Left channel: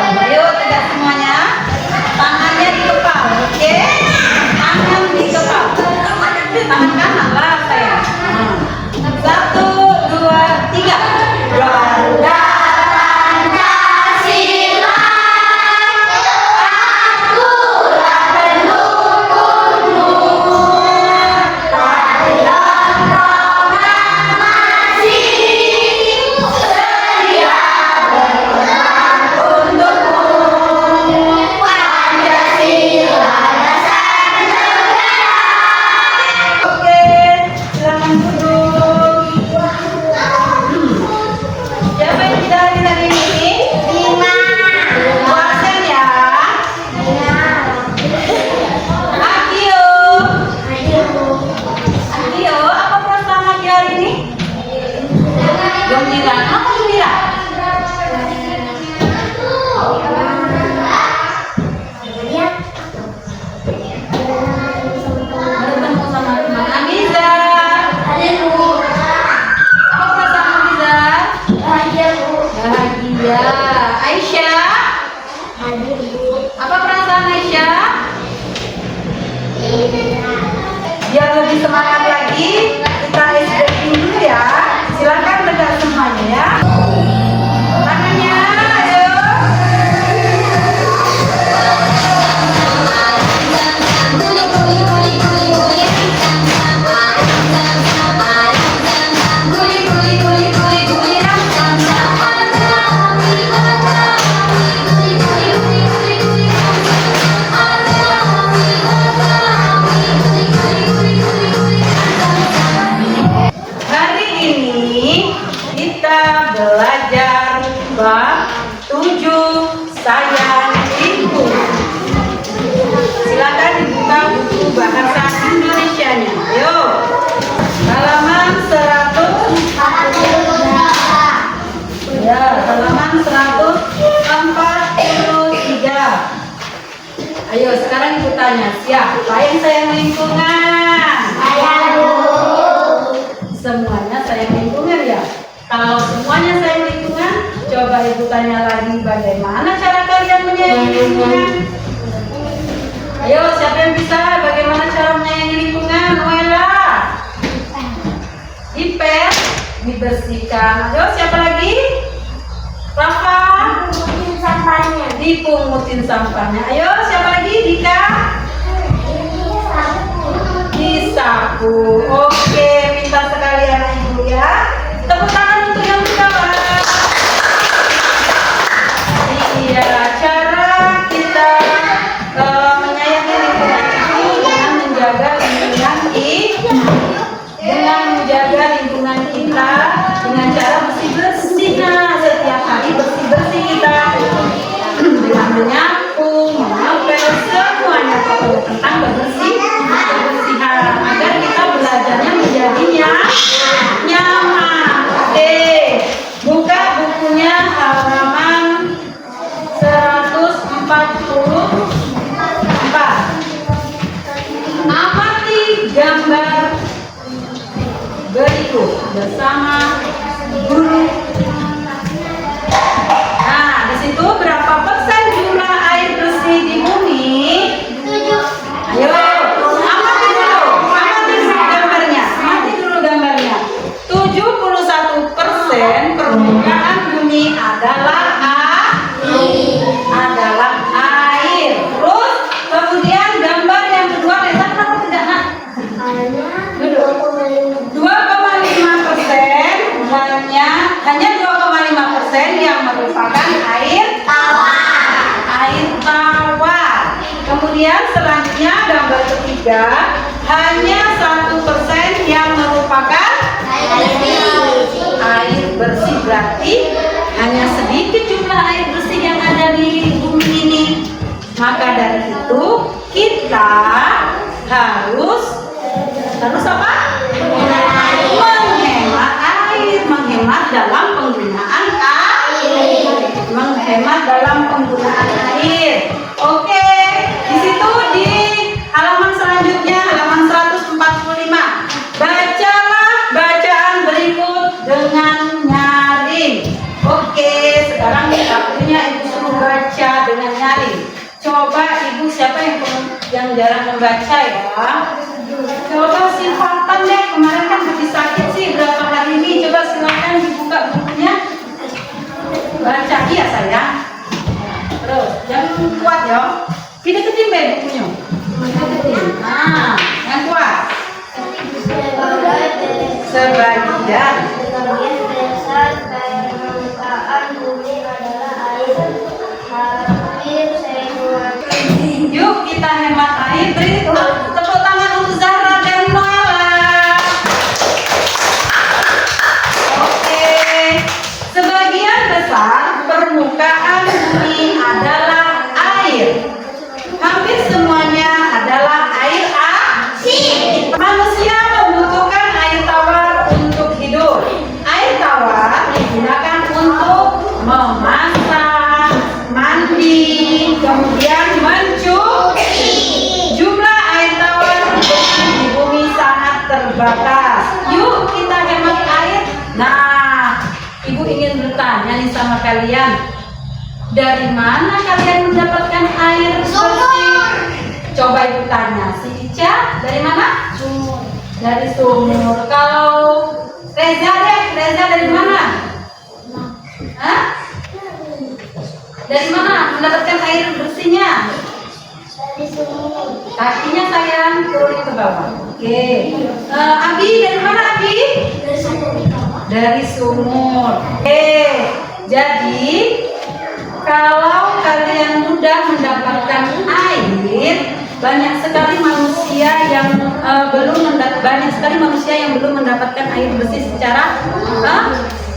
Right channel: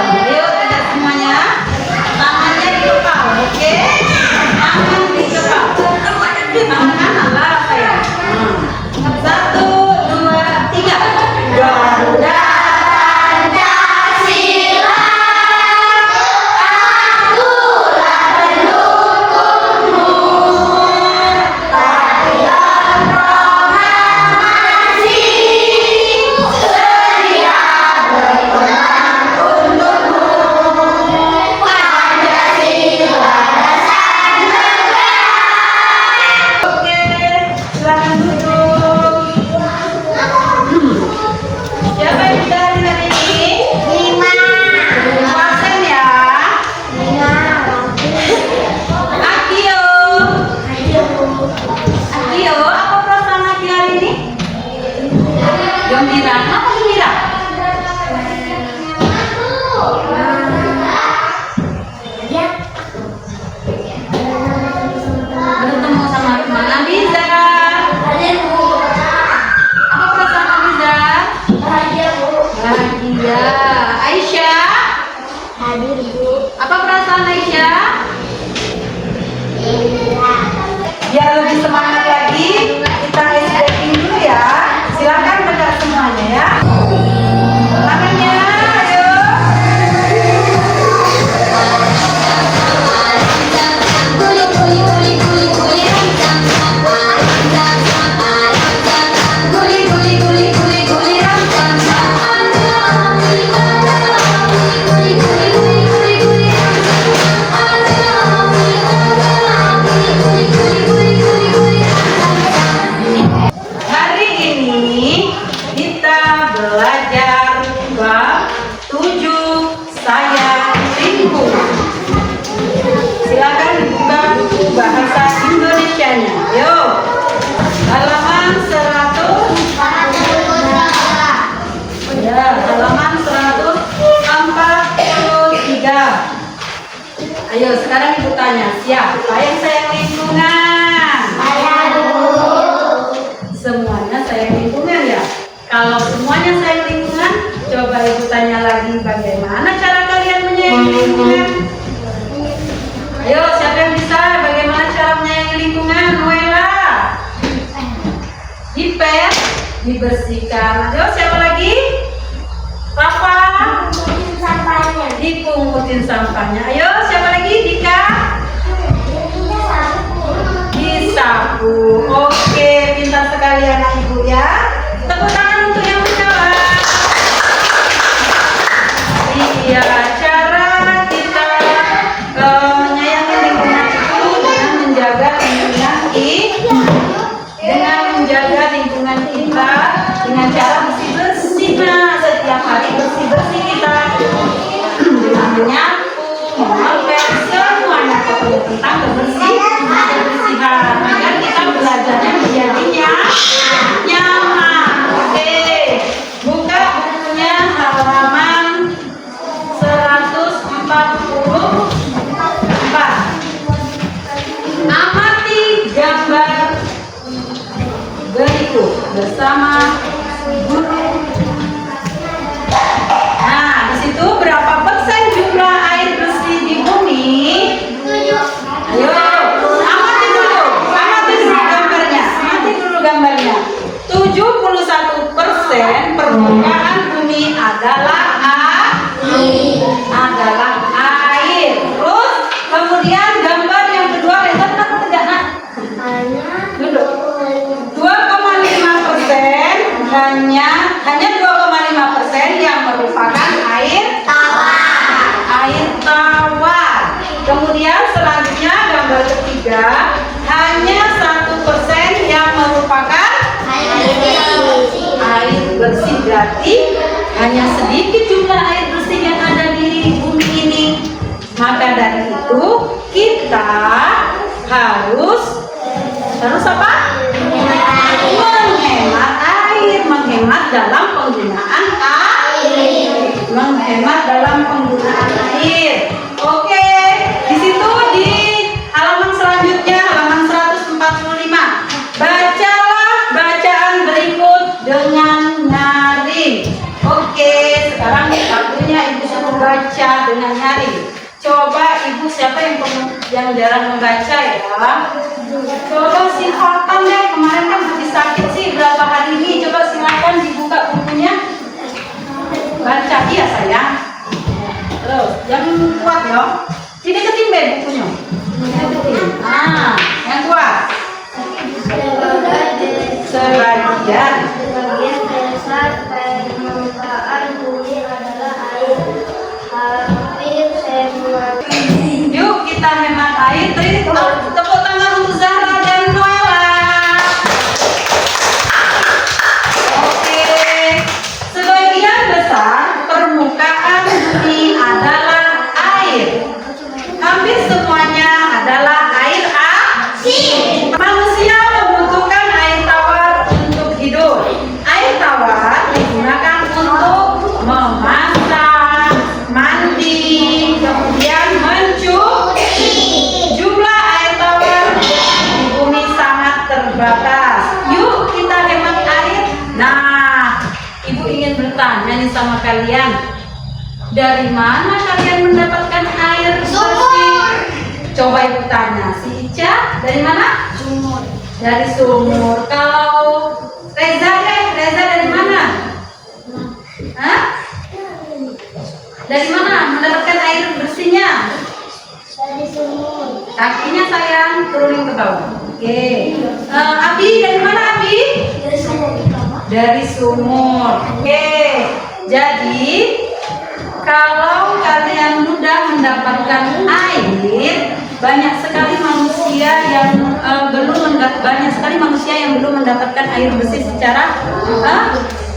Ayo tegak semuanya. Tangannya di kepala, oke? Tangan di kepala. Tangan kanan lah saya. Satu, dua, tiga. Garuda Pancasila, akulah pendukungmu. Tarian proklamasi, sedia berperang untukmu. Pancasila dasar negara. Oke, silakan duduk. Siapa yang dari tadi ini? Lima. Puasan ya. Akio. Akio, apa perasaan Akio hari ini? Gembira. Kenapa gembira? Bertemu sama teman Abiza. Apa perasaan Abiza? Bahagia. Aisyah, apa perasaan Aisyah? Biar lebih semangat lagi, kita stretching dulu ya. Silakan tegak semuanya ya. Tangannya, ayo. Hari ini kita belajar bab 7 sayang lingkungan. Silakan dibuka buku bahasa Indonesianya. Ayo. Halaman 100. Ya, halaman 143. Ayo, sekarang ibu tanya, siapa yang sayang lingkungan? Semuanya sayang lingkungan ya. Kalau semuanya sayang lingkungan, coba ibu tanya lagi, bagaimana cara kalian menyayangi lingkungan? Ayo, siapa yang bisa? Bagaimana cara menyayangi lingkungan? Noela. Dipel, dibersihkan. Ayo, siapa lagi? Rafa. Dipungutin sampahnya. Ayo, siapa lagi? Dika. Disapu. Oke, pintar sekali anak ibu ya. Tepuk tangan untuk yang menjawab. Iya, cara kita menyayangi lingkungan itu dengan menjaga lingkungan kita dengan cara bersih-bersih. Nah, setiap hari bersih-bersih kita dengan menyapu, mengepel, semuanya pokoknya tentang kebersihan agar kita belajarnya menjadinya nyaman. Oke, buka bukunya halaman 144. Amati gambar berikut bersama guru. Nah, di situ berapa persen jumlah air bersih di bumi? Ayo, amati dulu gambarnya. 71% permukaan bumi adalah air. Terus kemudian gambar yang kedua, Reza, kenapa tidak nak? Duduk. 2,5% hanya 2,5% yang merupakan air tawar. Kemudian selanjutnya gambar ketiga, hanya 1% yang merupakan air bersih. Berarti hanya sedikit jumlah air bersih yang ada di bumi ini. Maka dari itu kita harus apa? Menghemat air, menghemat dalam penggunaan air. Oke, di situ di halaman selanjutnya, halaman 145. Bacalah bacaan berikut dengan nyaring. Oke, sekarang waktunya ibu suruh membaca dengan nyari. Coba ibu siapa yang jarang membaca ya? Coba silakan deh, kemarin kan habis sakit sih berapa hari ini. Coba silakan dibuka bukunya. Baca iya sayang. Terus jangan kuat ya. Deketin deh bukunya. Deketin. Ah, yang kuat. Sebagian besar permukaan bumi adalah air. Hampir semua. Yuk kita hemat air. Beri tepuk tangan untuk Zahra dan Noella. Oke. Sebagian besar permukaan bumi adalah air. Hampir semuanya adalah air asin. Manusia membutuhkan air tawar untuk hidup. Air tawar digunakan untuk memasak, mandi, kemudian mencuci. Jumlah air tawar di bumi sangat terbatas. Yuk kita hemat air. Nah, ibu ingin bertanya nih sama kalian. Dari mana kalian mendapatkan air bersih? Coba ibu tanya, si Ica dari mana? Sumur. Dari sumur. Kalau Reza deh, Reza dari mana? Hah? Dari mana mendapatkan air bersihnya? Dari sumur. Kakinya sayang turunin ke bawah. Oke. Abi dari mana Abi? Dari sumur. Dari sumur. Oke. Jadi kalau kalian mudah mendapatkan air, banyak sekali manusia yang belum mendapatkan air bersih secara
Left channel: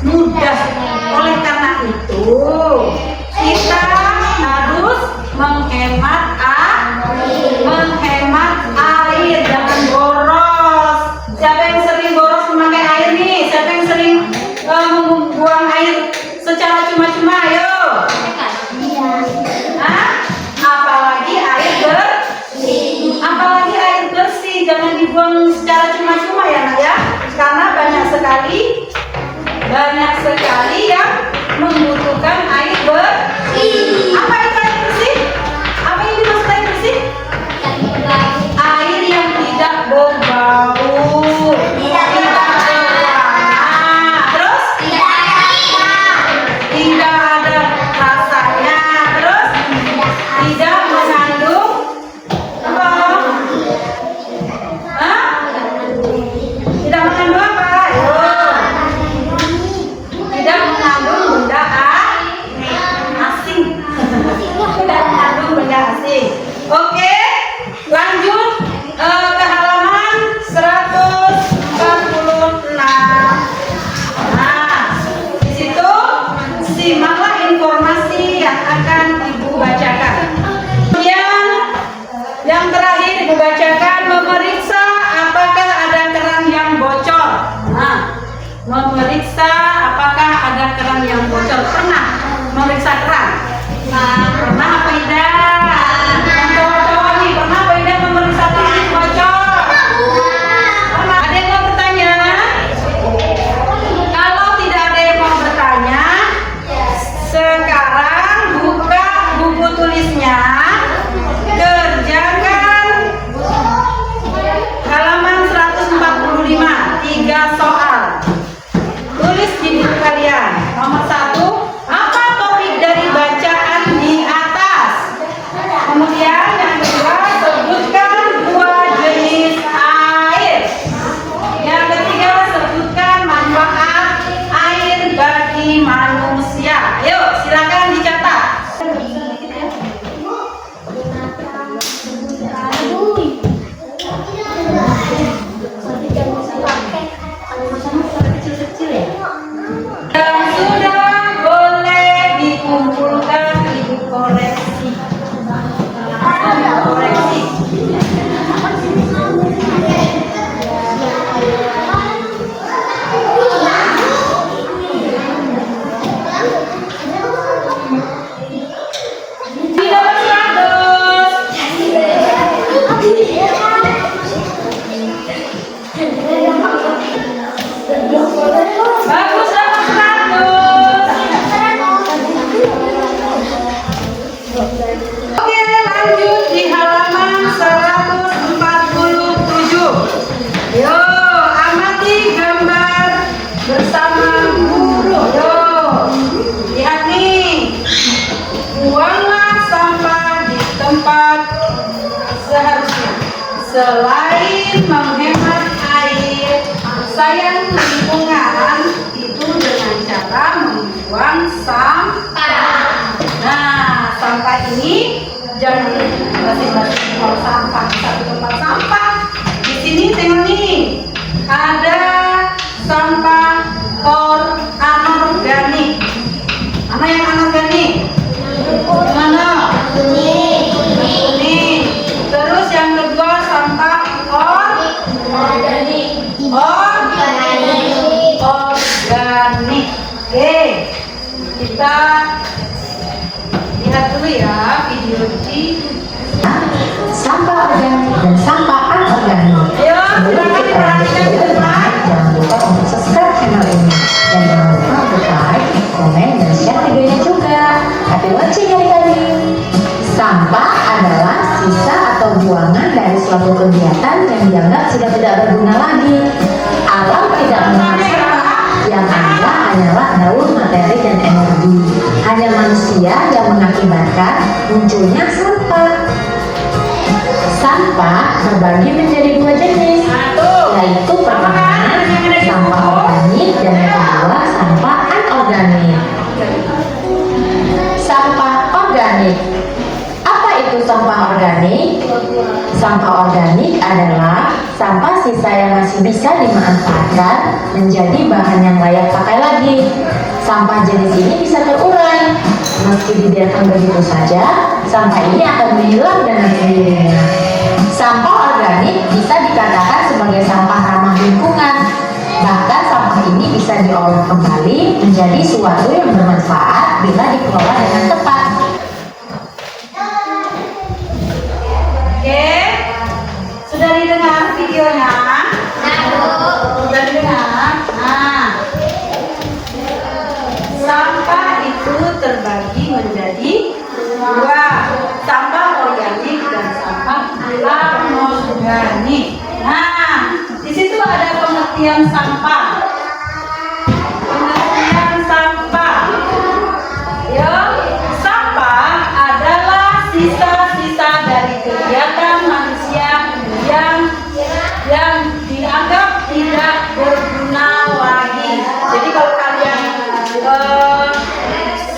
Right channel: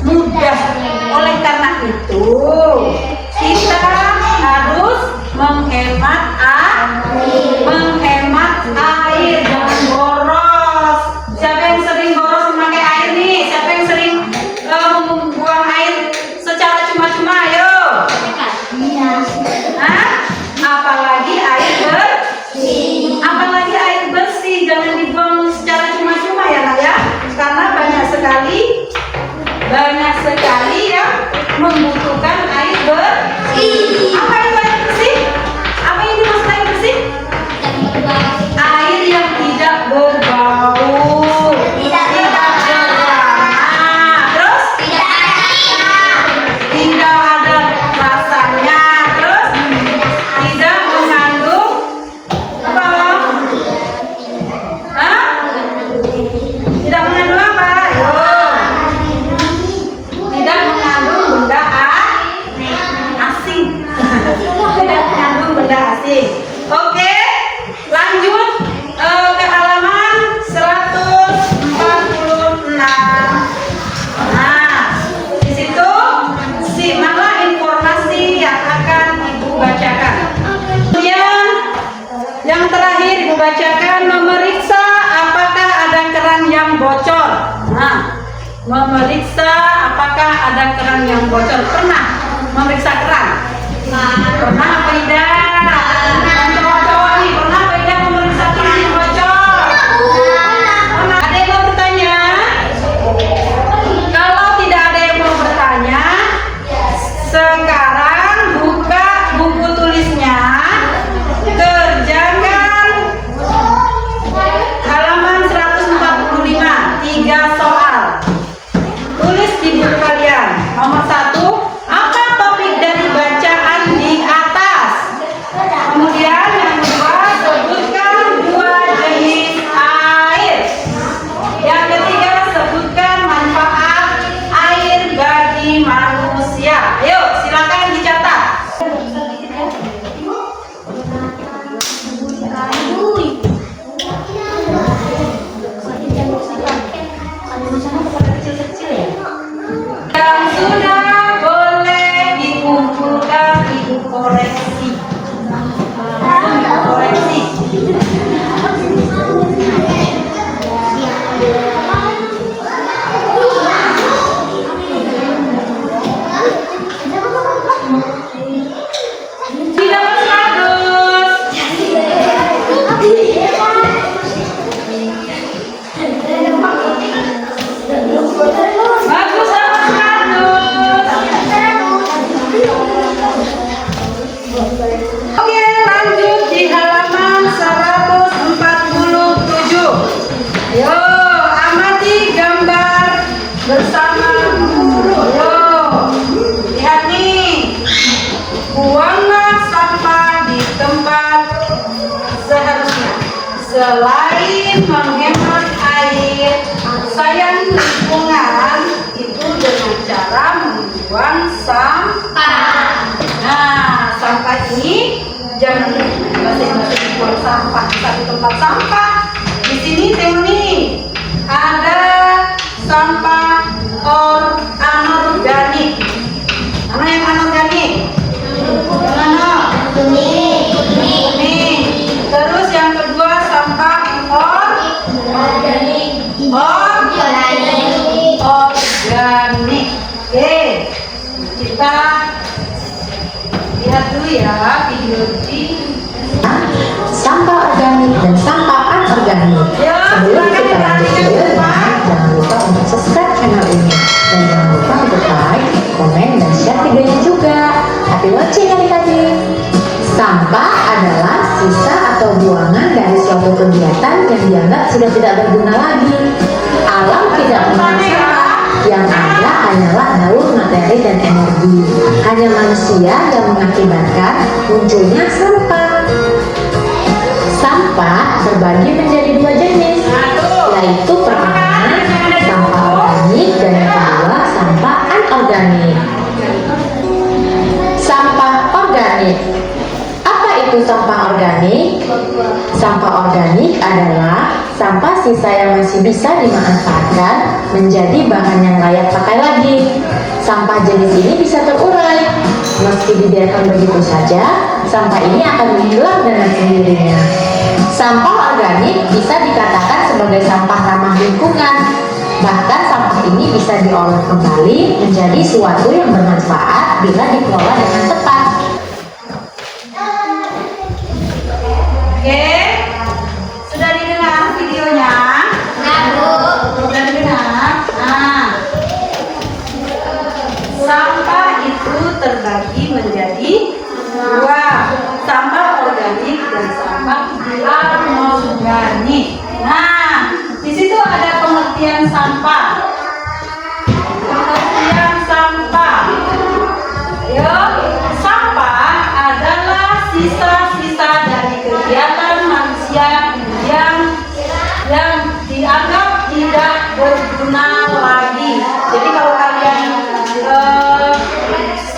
mudah. Oleh karena itu, kita harus menghemat air, jangan boros. Siapa yang sering boros memakai air nih? Siapa yang sering membuang air secara cuma-cuma? Ayo. Apalagi air bersih, jangan dibuang secara cuma-cuma ya nak ya, karena banyak sekali yang membutuhkan air bersih. Apa itu air bersih? Apa yang dimaksud air bersih? Air yang tidak berbau, tidak berwarna, terus tidak ada rasanya, terus tidak mengandung apa? Hah? Tidak mengandung apa? Ayo. Tidak mengandung benda asing. Tidak mengandung benda asing. Oke, lanjut ke halaman 146. Nah, di situ simaklah informasi yang akan ibu bacakan. Kemudian yang terakhir ibu bacakan, memeriksa apakah ada keran yang bocor. Nah, memeriksa apakah ada keran yang bocor. Pernah memeriksa keran? Pernah apa tidak? Yang cowok-cowok nih, pernah apa tidak memeriksa keran yang bocor? Pernah? Ada yang mau bertanya? Kalau tidak ada yang mau bertanya, sekarang buka buku tulisnya, kerjakan halaman 145, 3 soal. Tulis di buku kalian. Nomor 1, apa topik dari baca Oke, lanjut di halaman 147. Yo, amati gambar bersama guru. Yo, lihat nih. Buanglah sampah di tempat seharusnya. Selain menghemat air, sayang lingkungan itu dengan cara membuang sampah. Nah, sampah ini jangan masing-masing buang sampah di satu tempat sampah. Di sini tengok nih, ada sampah anorganik. Mana yang anorganik? Yang mana? Nih. Terus yang kedua sampah organik. Organik. Oke, kita lihat dulu ya video ini. Sampah organik dan sampah anorganik. Ayo, Sebelum kita lanjut video, jangan lupa untuk subscribe channel ini dan jangan lupa untuk like, komen, dan share video ini juga. Happy watching adik-adik. Sampah adalah sisa atau buangan dari suatu kegiatan yang dianggap sudah tidak berguna lagi. Alam tidak merasa, yang ada hanyalah daun, materi, dan energi. Hanya manusia yang mengakibatkan munculnya sampah. Sampah terbagi menjadi dua jenis, yaitu pertama sampah organik dan kedua sampah anorganik. Sampah organik. Apa itu sampah organik? Sampah organik adalah sampah sisa yang masih bisa dimanfaatkan menjadi bahan yang layak pakai lagi. Sampah jenis ini bisa terurai. Meski dibiarkan begitu saja, sampah ini akan menghilang dengan sendirinya. Sampah organik bisa dikatakan sebagai sampah ramah lingkungan. Bahkan sampah ini bisa diolah kembali menjadi suatu yang bermanfaat bila dikelola dengan tepat. Oke, sudah didengar videonya? Sudah didengar? Nah, sampah itu terbagi menjadi dua, sampah organik dan sampah anorganik. Nah, di situ ada pengertian sampah. Pengertian sampah. Yo, sampah adalah sisa-sisa dari kegiatan manusia yang dianggap tidak berguna lagi. Jadi kalau kalian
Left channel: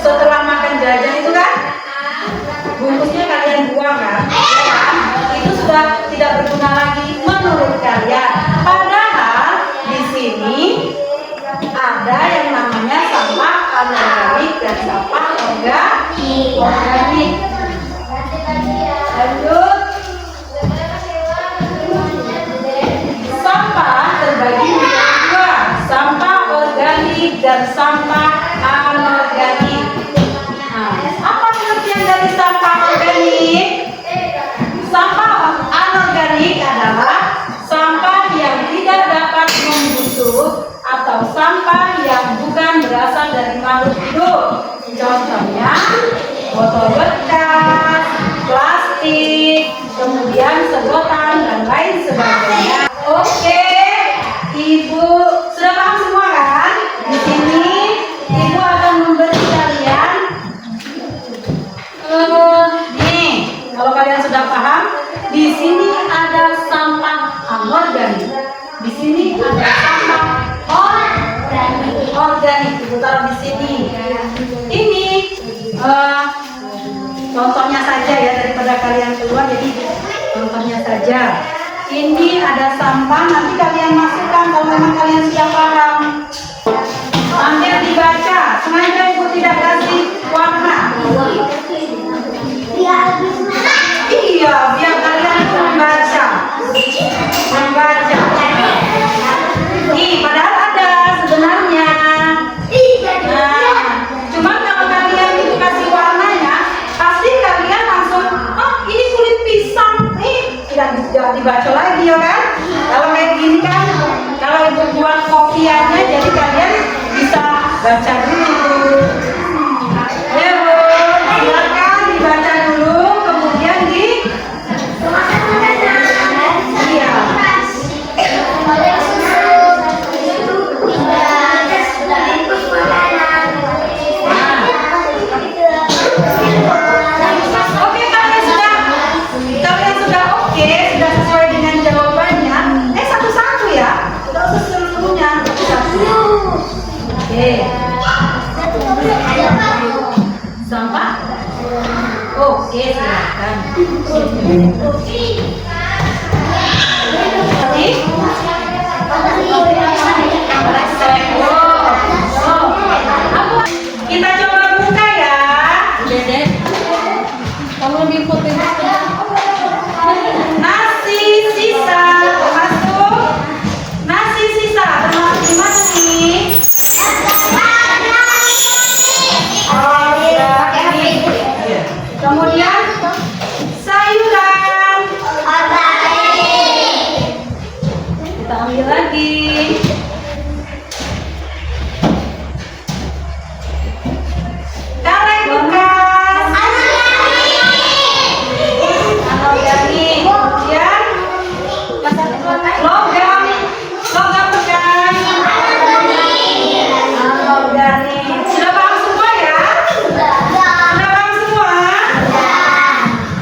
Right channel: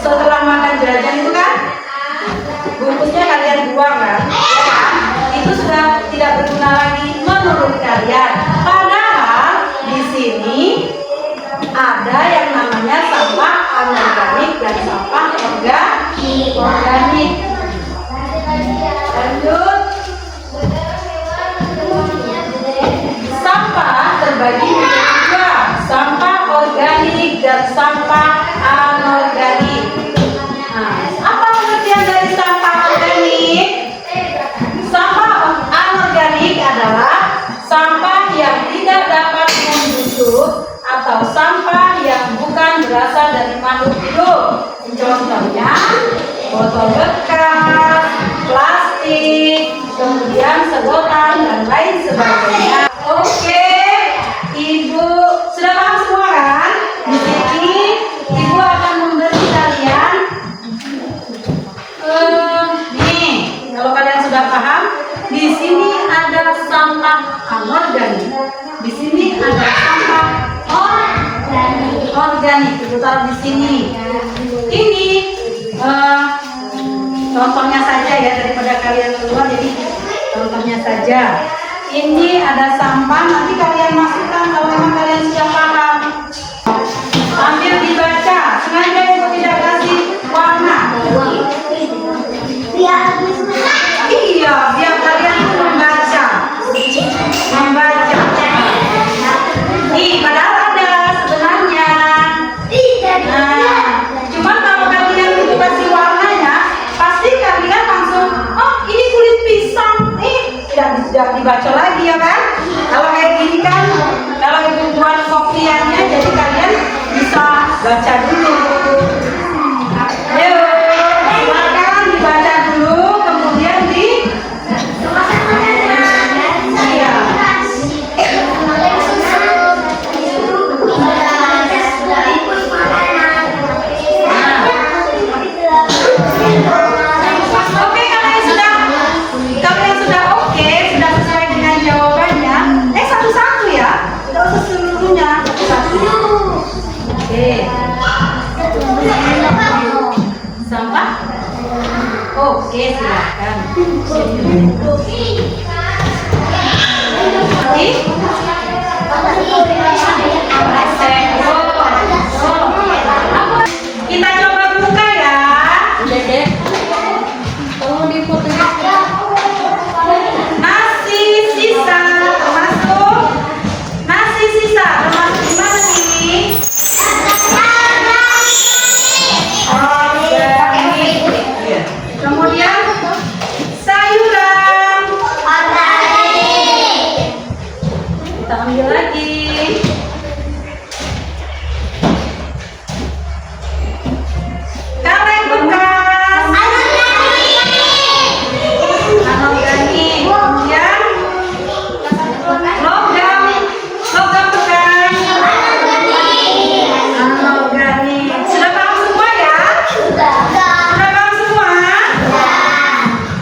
setelah makan jajan itu kan bungkusnya kalian buang kan? Ya kan? Itu sudah tidak berguna lagi menurut kalian. Padahal di sini ada yang namanya sampah anorganik dan sampah organik. Lanjut. Sampah terbagi menjadi dua, sampah organik dan sampah anorganik. Nah, apa pengertian dari sampah organik? Sampah anorganik adalah sampah yang tidak dapat membusuk atau sampah yang bukan berasal dari makhluk hidup. Contohnya botol bekas, plastik, kemudian sedotan dan lain sebagainya. Oke, Ibu sudah paham semua kan? Di sini Ibu akan memberi kalian nih, kalau kalian sudah paham, di sini ada sampah anorganik. Di sini ada sampah organik. Ibu taruh di sini. Ini contohnya saja ya, daripada kalian keluar, jadi contohnya saja. Ini ada sampah, nanti kalian masukkan kalau memang kalian sudah paham. Sambil dibaca, sengaja Ibu tidak kasih warna. Iya, biar kalian itu membaca. Nih, padahal ada sebenarnya. Nah, cuma kalau kalian itu kasih warnanya, pasti kalian langsung, oh ini kulit pisang. Nih, tidak dibaca lagi ya kan? Kalau kayak gini kan, kalau Ibu buat kopiannya, jadi kalian bisa baca dulu. Oke, silakan. Kita coba buka ya. Kamu lebih putih. Nasi sisa termasuk di mana nih? Kemudian sayuran. Kita ambil lagi. Karet bekas. Anorganik. Kemudian logam bukan. Anorganik. Sudah paham semua ya? Sudah paham semua?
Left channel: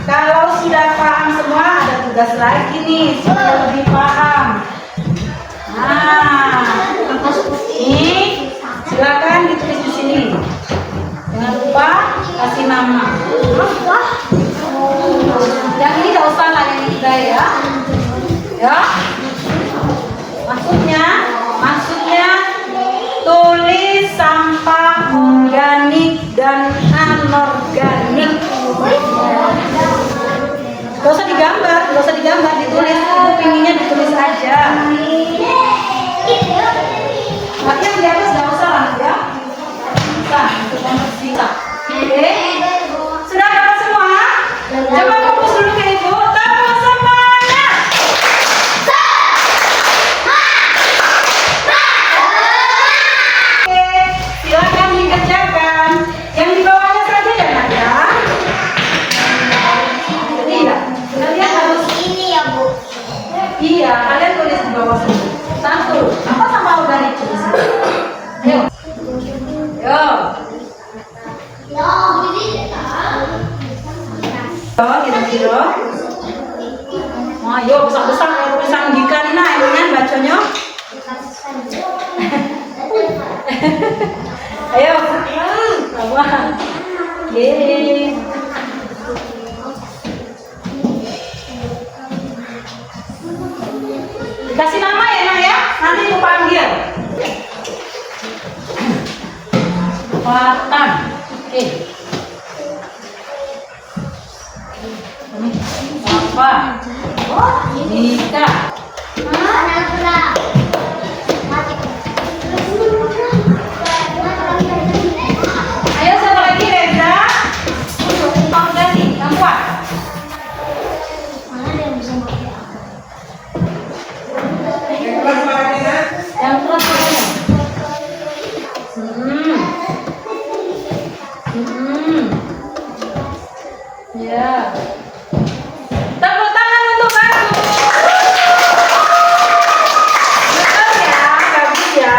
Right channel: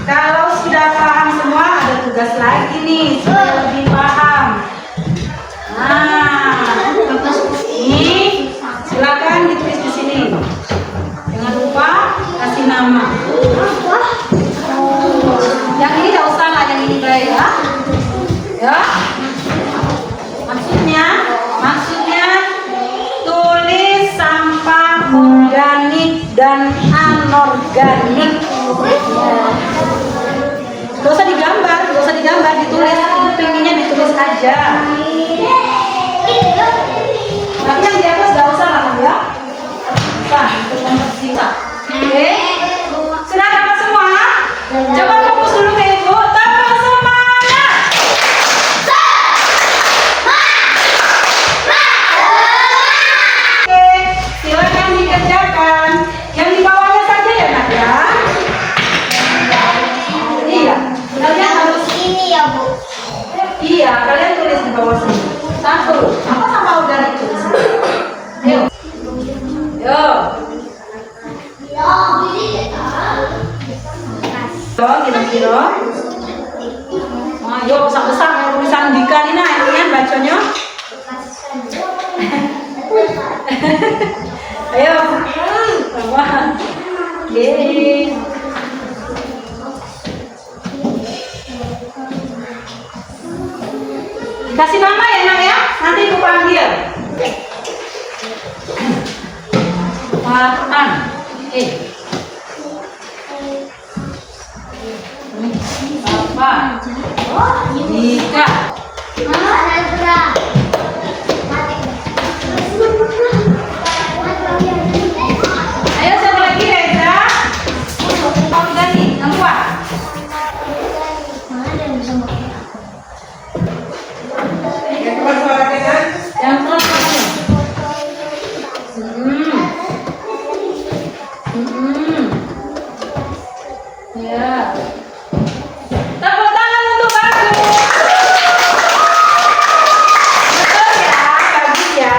Kalau sudah paham semua, ada tugas lagi nih supaya lebih paham. Nah, ini silakan ditulis di sini. Jangan lupa kasih nama. Yang ini tidak usah lah, yang ini guys ya. Ya. Maksudnya tulis sampah organik dan anorganik. Gak usah digambar, ditulis. Pinginnya ditulis aja. Tapi yang di atas gak usah lah ya. Nah, untuk mempersingkat. Oke. Sudah dapat semua? Coba fokus dulu ke ibu. Tepuk semangat. Oke, silakan dikerjakan. Yang di bawahnya saja ya nak ya. Iya, kalian harus. Iya, kalian tulis di bawah sini. Satu, apa sampah organik tulis? Ayo. Kira-kira. Ayo besar-besar tulisan Dika ini nah, ini kan bacanya. Ayo. Coba. Yeay. Kasih nama ya nak ya, nanti aku panggil. Watan. Oke. Apa? Dika. Ayo siapa lagi Reza? Organik yang kuat. Yang terus ya. Tepuk tangan untuk bagus. Betul ya, bagus ya.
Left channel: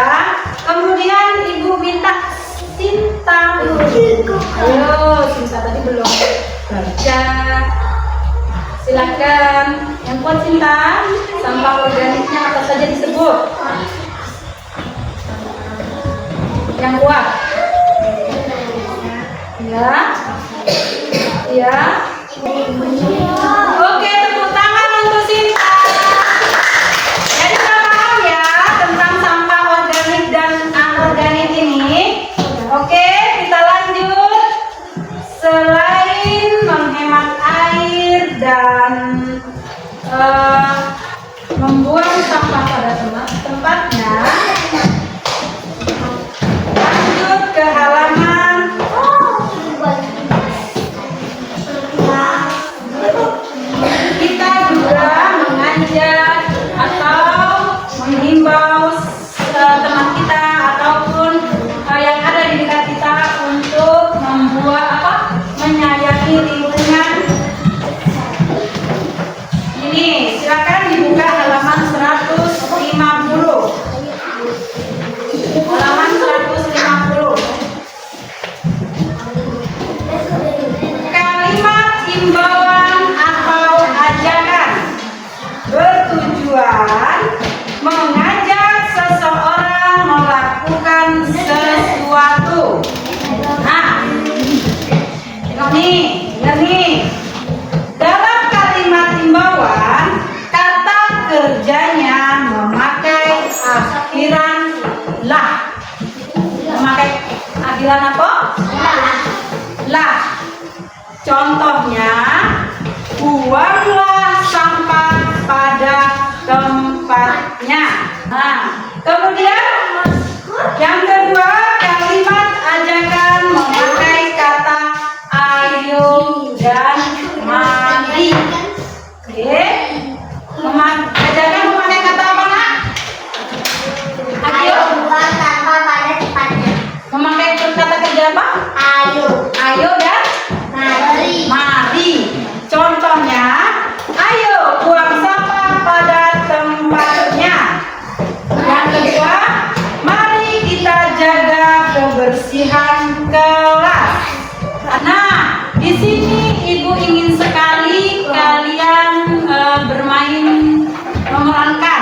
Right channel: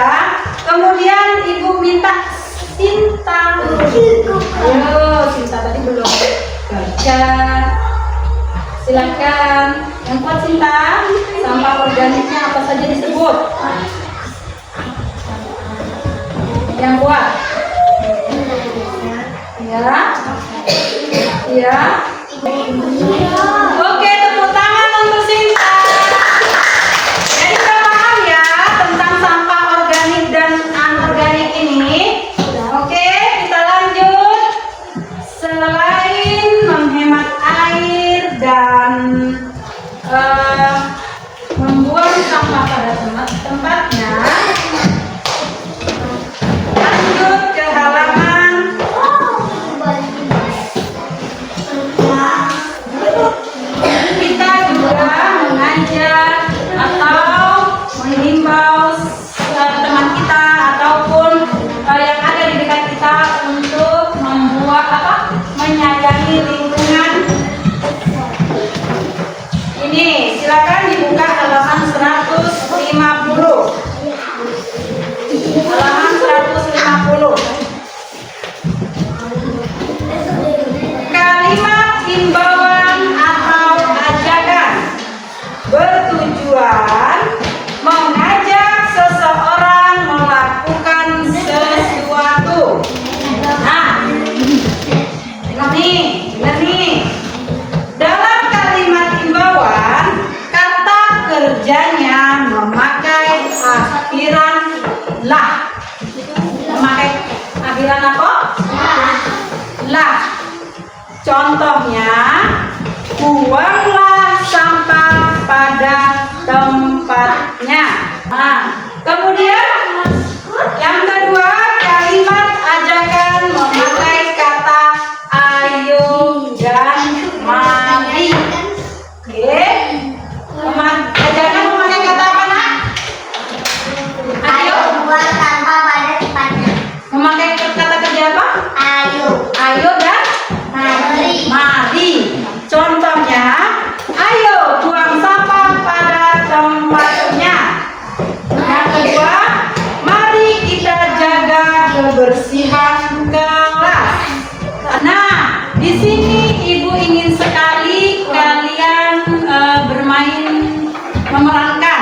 Kemudian ibu minta Sinta. Ayo, Sinta tadi belum baca. Silakan. Yang kuat Sinta, sampah organiknya apa saja disebut? Yang kuat. Ya. Ya. Oke, tepuk tangan untuk Sinta. Jadi sudah paham ya tentang sampah organik dan anorganik ini. Oke, kita lanjut. Selain menghemat air dan membuang sampah pada tempatnya, lanjut ke halaman. Kita juga mengajak atau menghimbau teman kita ataupun yang ada di dekat kita untuk menyayangi lingkungan. Ini silakan dibuka halaman 150. Halaman 150. Kalimat himbauan atau ajakan bertujuan mengajak seseorang melakukan sesuatu. Nah, ini dengar nih. Dalam kalimat imbauan, kata kerjanya memakai akhiran lah. Memakai akhiran apa? Lah. Contohnya, buanglah sampah pada tempatnya. Nah, kemudian yang kedua, kalimat ajakan memakai kata ayo dan mari. Oke. Ajakan memakai kata apa, Nak? Ayo buang sampah pada tempatnya. Memakai kata kerja apa? Ayo dan Mari. mari. Contohnya, ayo buang sampah pada tempatnya. Yang kedua, mari kita jaga kebersihan kelas. Nah, di sini Ibu ingin sekali kalian bermain, memerankan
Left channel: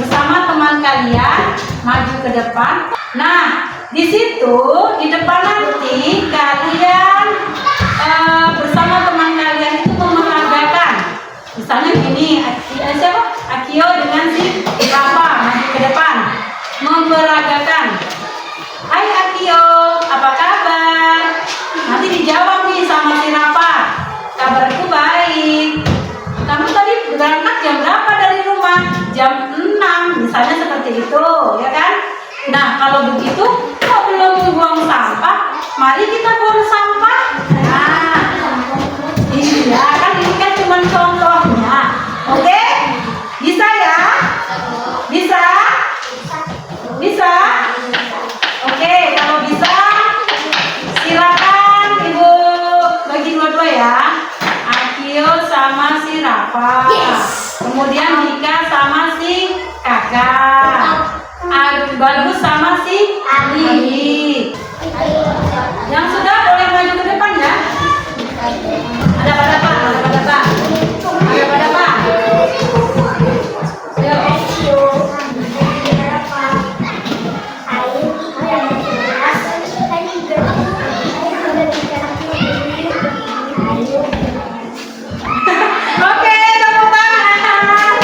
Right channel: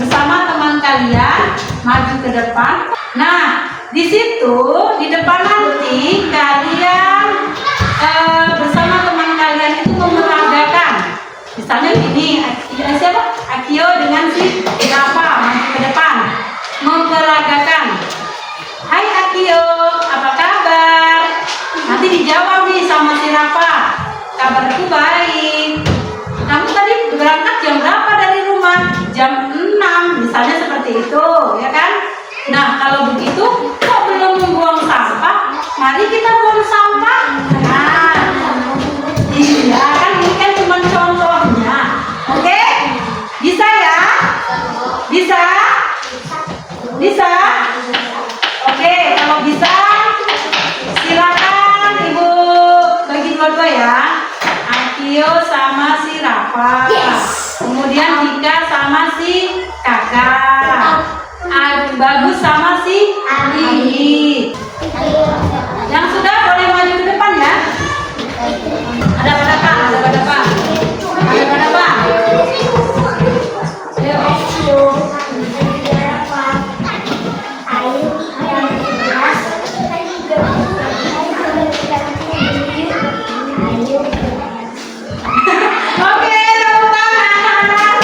bersama teman kalian, maju ke depan. Nah, di situ di depan nanti kalian bersama teman kalian itu memeragakan. Misalnya gini, siapa? Akio dengan si Rafa maju ke depan, memeragakan. Hai Akio, apa kabar? Nanti dijawab nih sama si Rafa. Kabarku baik. Kamu tadi berangkat jam berapa dari rumah? Jam 6, misalnya seperti itu, ya kan? Nah, kalau begitu, kok belum buang sampah? Mari kita buang sampah. Nah, iya kan, ini kan cuma contohnya. Oke? Bisa ya? Bisa? Bisa? Oke, kalau bisa, silakan Ibu bagi dua-dua ya. Akio sama si Rafa. Kemudian Dika sama si Kakak. Bagus sama si Adi. Yang sudah boleh maju ke depan ya. Ada pada Pak, ada pada Pak. Ada pada Pak. Ayo. Oke, tepuk tangan.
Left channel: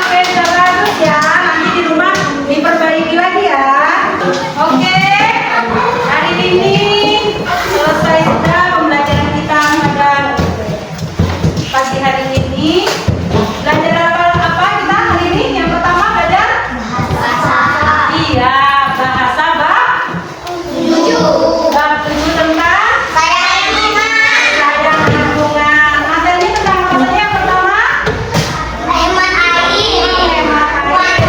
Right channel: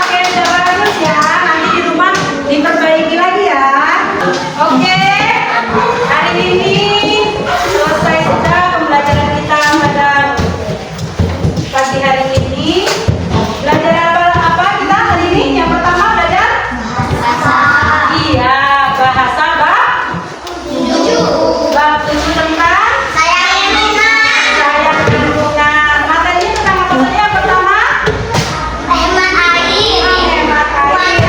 Oke, sudah bagus ya. Nanti di rumah diperbaiki lagi ya. Oke, hari ini selesai sudah pembelajaran kita pada pagi hari ini. Belajar apa kita hari ini? Yang pertama belajar iya, bahasa bab 7 tentang sayang lingkungan. Materinya tentang apa saja? Yang pertama Hemat air. hemat air.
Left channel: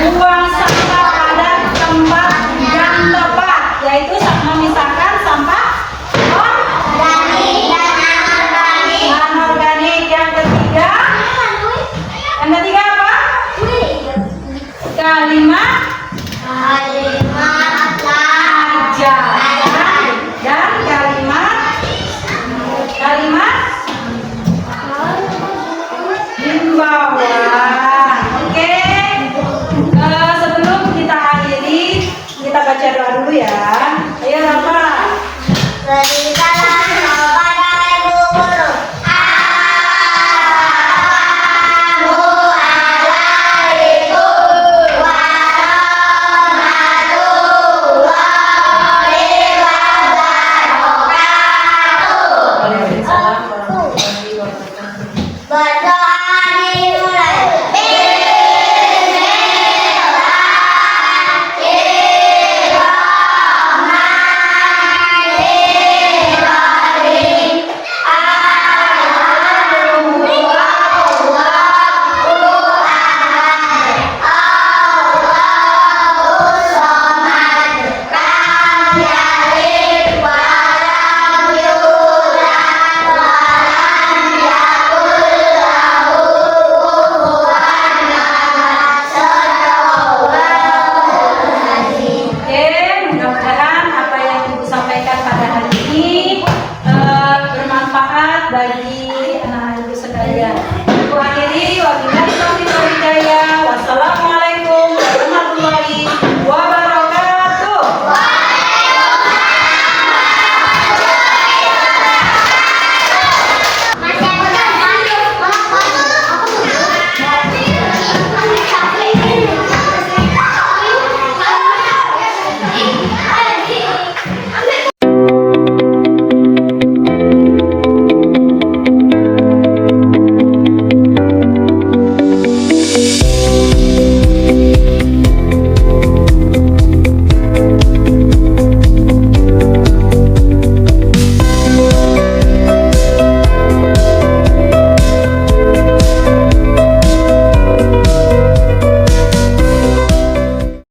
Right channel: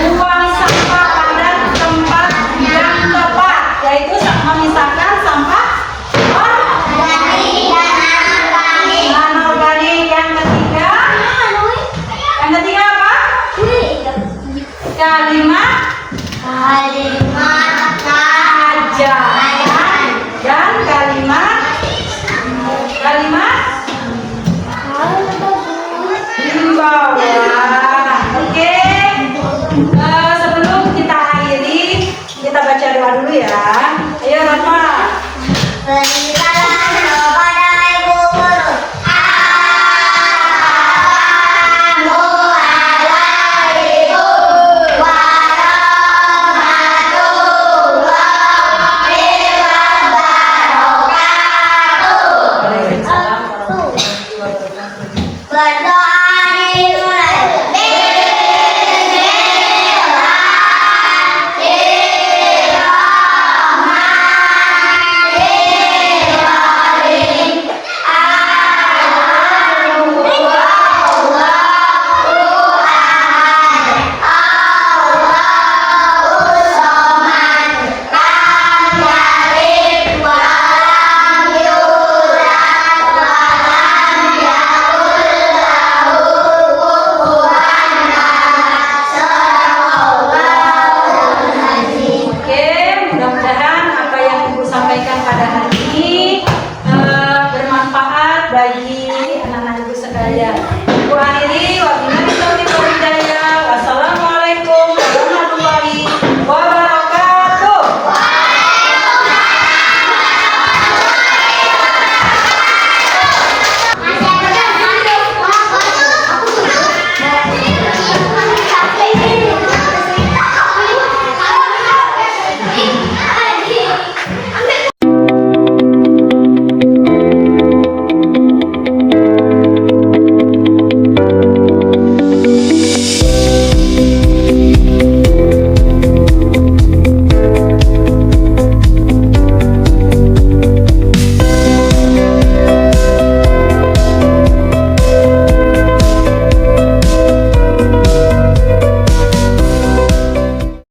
Buang sampah pada tempatnya. Buang sampah pada tempat yang tepat, yaitu memisahkan sampah Organik dan anorganik. anorganik. Yang ketiga apa? Kalimat ajakan dan kalimat himbauan. Oke. Sebelum kita akhiri, kita baca doa dulu ya. Ayo Rafa. Beri